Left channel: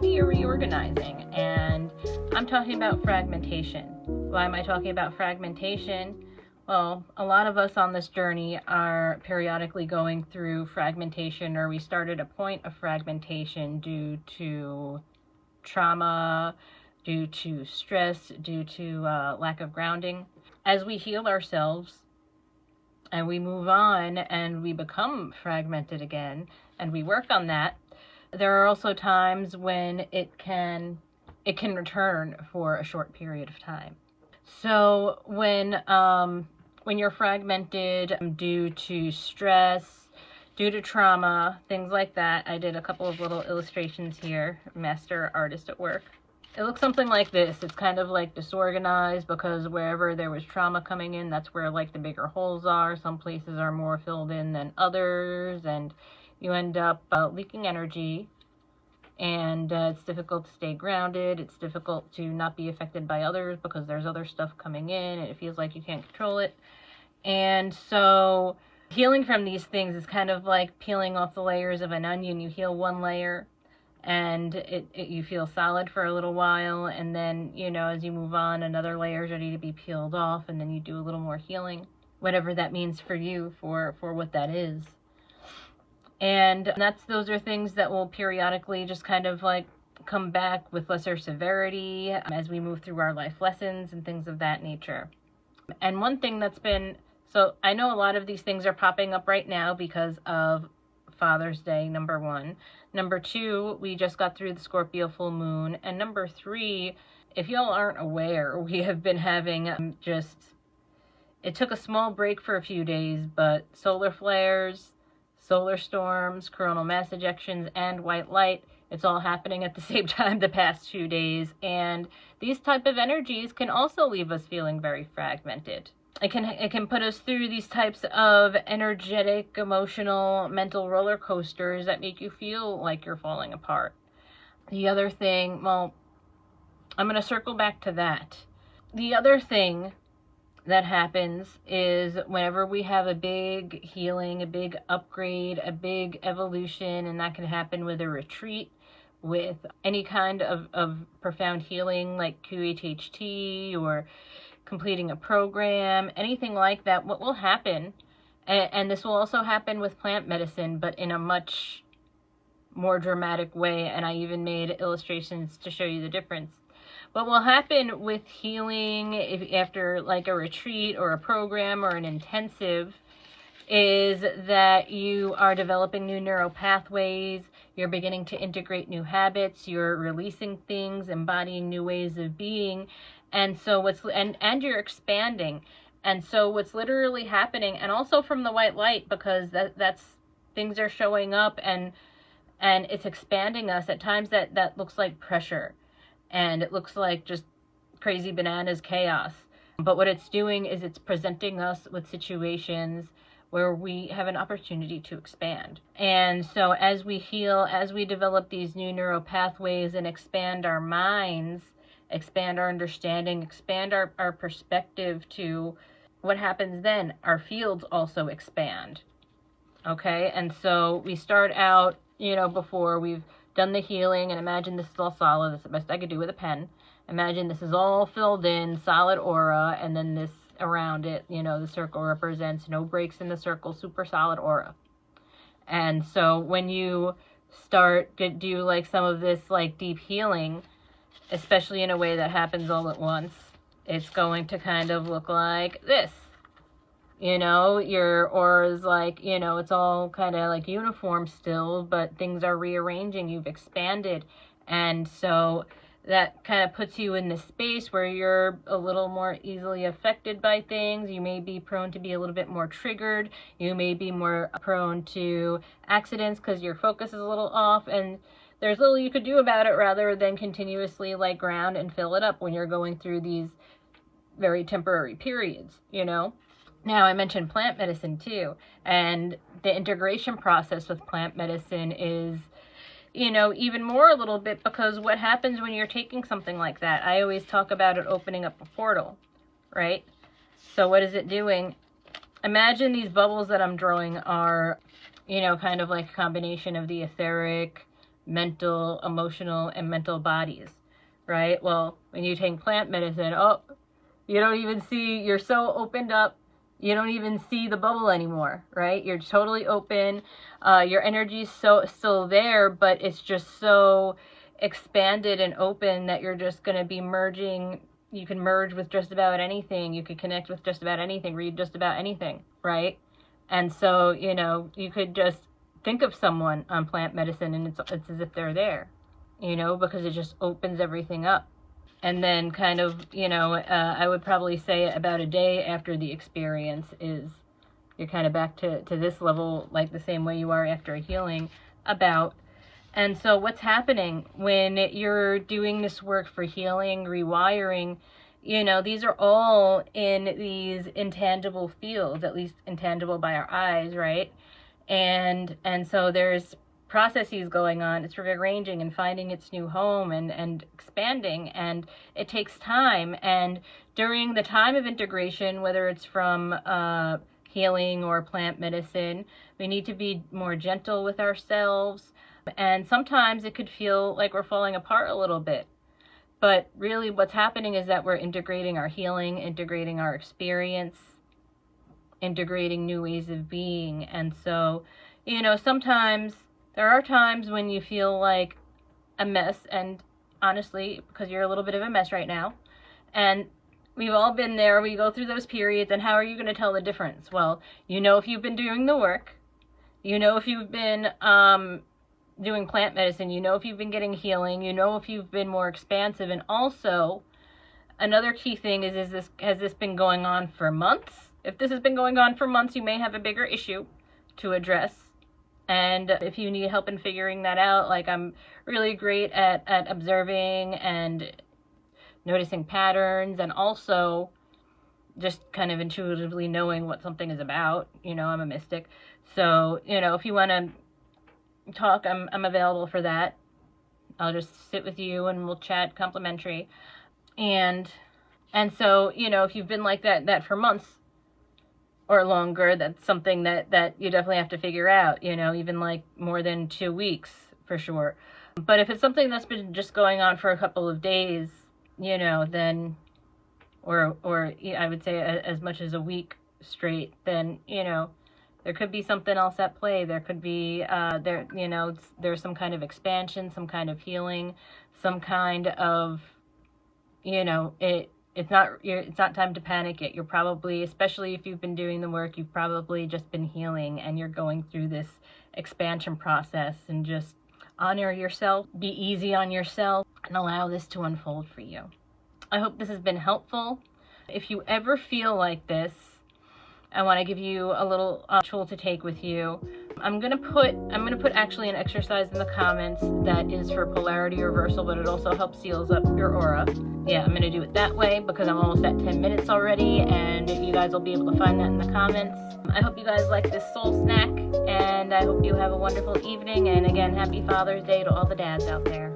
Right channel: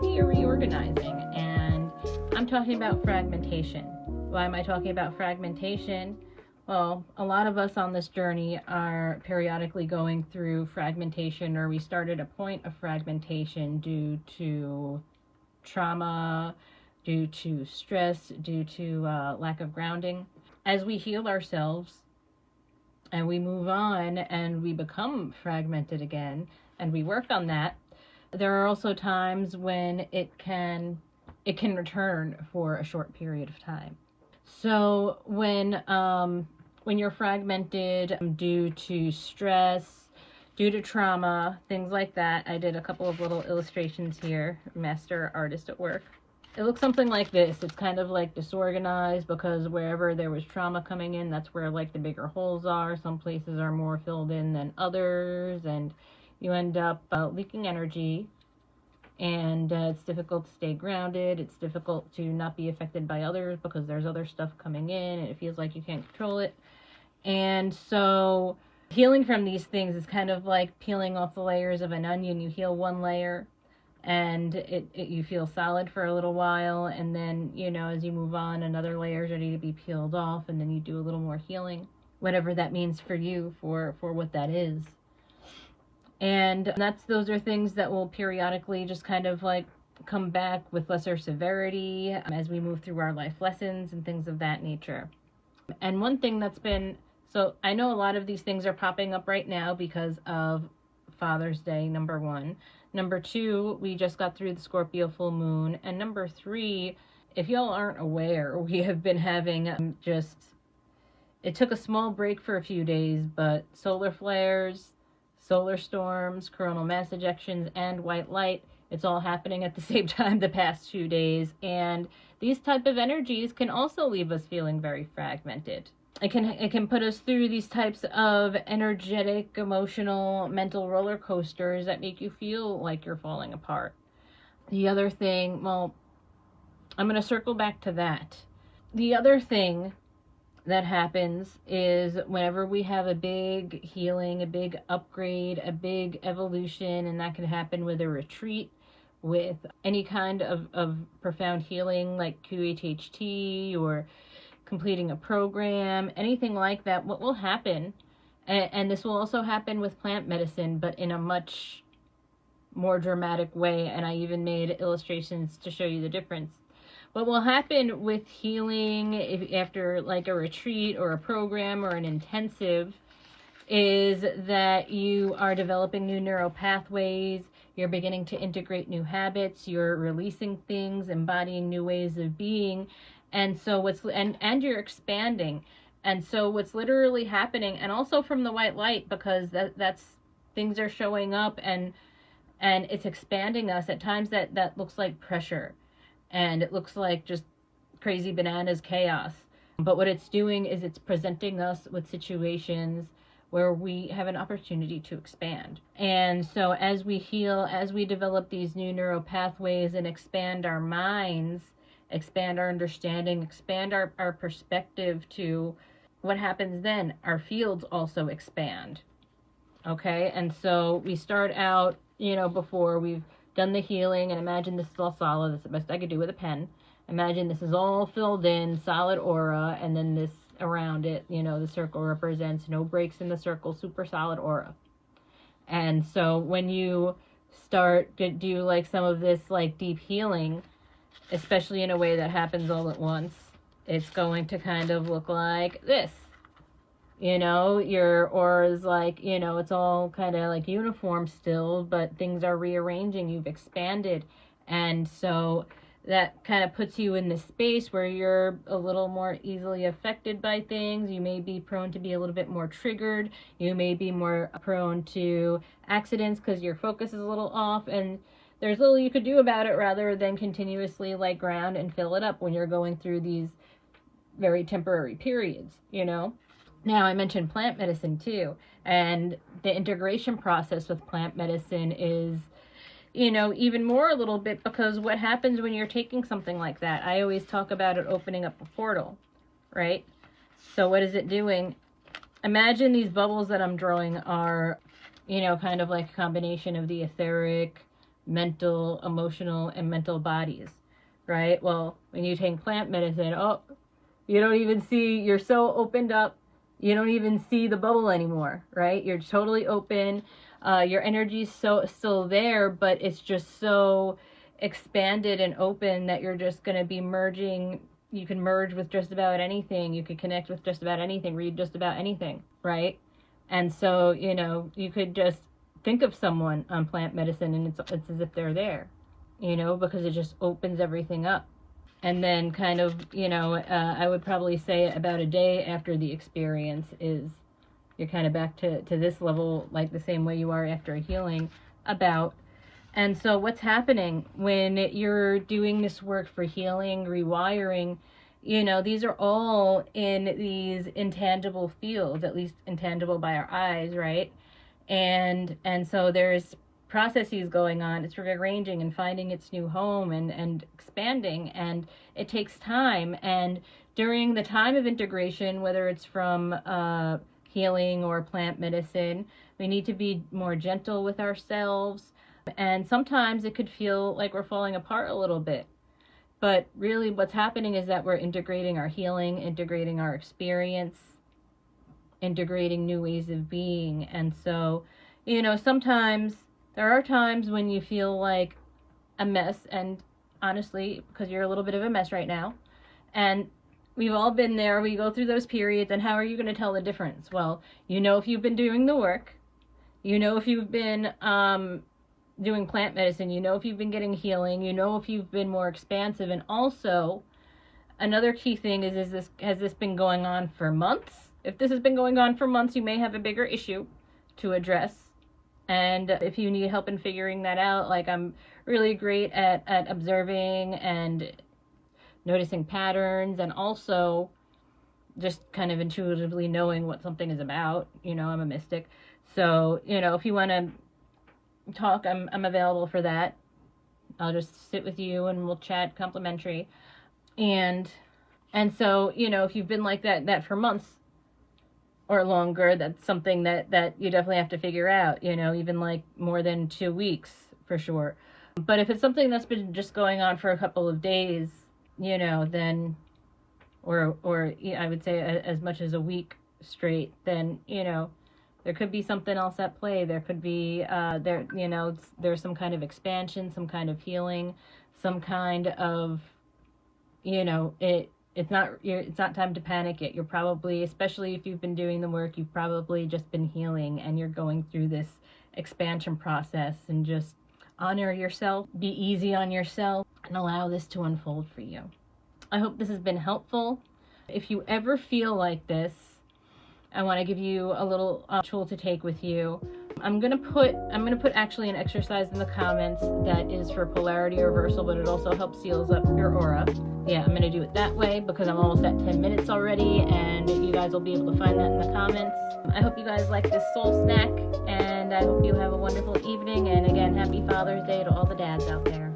maybe you're reorganizing, and I'm talking about fragmentation. Why am I talking about fragmentation? Well, a lot of us on this journey are periodically going through fragmentation, or we started a point of fragmentation due to trauma, due to stress, due to lack of grounding. As we heal ourselves and we move on and we become fragmented again and we work on that, there are also times when it can return for a short period of time. So when you're fragmented due to stress, due to trauma, things like that, I did a couple of little illustrations here, master artist at work. It looks something like this. It's kind of like disorganized because wherever there was trauma coming in, that's where like the bigger holes are. Some places are more filled in than others, and you end up leaking energy, and it's difficult to stay grounded. It's difficult to not be affected by others because there's other stuff coming in and it feels like you can't control it. And so healing from these things is kind of like peeling off the layers of an onion. You heal one layer and you feel solid for a little while, and then, you know, as you move on, another layer is ready to be peeled off, and then you do a little more healing, whatever that means for you, for what that is. And those are things that will periodically just kind of like come back with lesser severity as we move through our life lessons and things of that nature. And one thing that's been, so I know a lot of these things are popping up right now because of Father's Day, number one. Number two, we just got through the Scorpio full moon. And number three, if y'all aren't aware, we have been having it took a small break for a few days, but solar flares, solar storms, coronal mass ejections, and white light, it's all happening at the same time the past few days. And these type of energies can also leave us feeling very fragmented. It can put us through these types of energetic, emotional, mental roller coasters that make you feel like you're falling apart. The other thing, well, I'm going to circle back to that. The other thing that happens is whenever we have a big healing, a big upgrade, a big evolution, and that can happen with a retreat, with any kind of profound healing like QHHT or completing a program, anything like that, what will happen, and this will also happen with plant medicine, but in a much more dramatic way, and I even made illustrations to show you the difference. What will happen with healing after like a retreat or a program or an intensive is that you are developing new neural pathways, you're beginning to integrate new habits, you're releasing things, embodying new ways of being, and so and you're expanding. And so what's literally happening, and also from the white light, because that's things are showing up and it's expanding us. At times that looks like pressure, and it looks like just crazy bananas chaos. But what it's doing is it's presenting us with situations where we have an opportunity to expand. And so as we heal, as we develop these new neural pathways and expand our minds, expand our understanding, expand our perspective to what happens then, our fields also expand. Okay, and so we start out, you know, before we've done the healing, and imagine this is all solid. That's the best I could do with a pen. Imagine this is all filled in, solid aura, and then this around it, you know, the circle represents no breaks in the circle, super solid aura. And so when you start to do like some of this like deep healing, especially in a way that happens all at once, it's going to kind of look like this. You know, your aura is like, you know, it's all kind of like uniform still, but things are rearranging, you've expanded. And so that kind of puts you in this space where you're a little more easily affected by things. You may be prone to be a little bit more triggered. You may be more prone to accidents because your focus is a little off, and there's little you could do about it rather than continuously like ground and fill it up when you're going through these very temporary periods, you know. Now, I mentioned plant medicine too, and the integration process with plant medicine is, you know, even more a little bit, because what happens when you're taking something like that? I always talk about it opening up a portal, right? So what is it doing? Imagine these bubbles that I'm drawing are, you know, kind of like a combination of the etheric, mental, emotional, and mental bodies, right? Well, when you take plant medicine, oh, you don't even see, you're so opened up, you don't even see the bubble anymore, right? You're totally open. Your energy's still there, but it's just so expanded and open that you're just going to be merging. You can merge with just about anything. You could connect with just about anything, read just about anything, right? And so, you know, you could just think of someone on plant medicine and it's as if they're there, you know, because it just opens everything up. And then kind of, you know, I would probably say about a day after the experience is you're kind of back to this level, like the same way you are after a healing about. And so what's happening when you're doing this work for healing, rewiring, you know, these are all in these intangible fields, at least intangible by our eyes, right? And so there's processes going on. It's rearranging and finding its new home and expanding, and it takes time. And during the time of integration, whether it's from healing or plant medicine, we need to be more gentle with ourselves. And sometimes it could feel like we're falling apart a little bit. But really what's happening is that we're integrating our healing, integrating our experience, integrating new ways of being. And so, you know, sometimes there are times when you feel like a mess, and honestly, because you're a little bit of a mess right now, and we've all been there, we go through those periods, and how are you going to tell the difference? Well, you know, if you've been doing the work, you know, if you've been doing plant medicine, you know, if you've been getting healing, you know, if you've been more expansive. And also another key thing is has this been going on for months? If this has been going on for months, you may have a bigger issue to address. And if you need help in figuring that out, like I'm really great at observing and noticing patterns, and also just kind of intuitively knowing what something is about. You know, I'm a mystic. So, you know, if you want to talk, I'm available for that. I'll just sit with you and we'll chat complimentary. And so, you know, if you've been like that for months or longer, that's something that you definitely have to figure out, you know, even like more than 2 weeks for sure. But if it's something that's been just going on for a couple of days, you know, then, or I would say as much as a week straight, then, you know, there could be something else at play. There could be, you know, there's some kind of expansion, some kind of healing, some kind of, you know, it's not time to panic yet. You're probably, especially if you've been doing the work, you've probably just been healing and you're going through this expansion process. And just honor yourself, be easy on yourself, and allow this to unfold for you. I hope this has been helpful. If you ever feel like this, I want to give you a little tool to take with you. I'm gonna put actually an exercise in the comments that is for polarity reversal, but it also helps seals up your aura. Yeah, I'm gonna do it that way because I'm almost at 10 minutes already, and you guys will be able to find that in the comments. I hope you guys like this soul snack, and I hope you have a wonderful evening. And again, happy Father's Day to all the dads out there.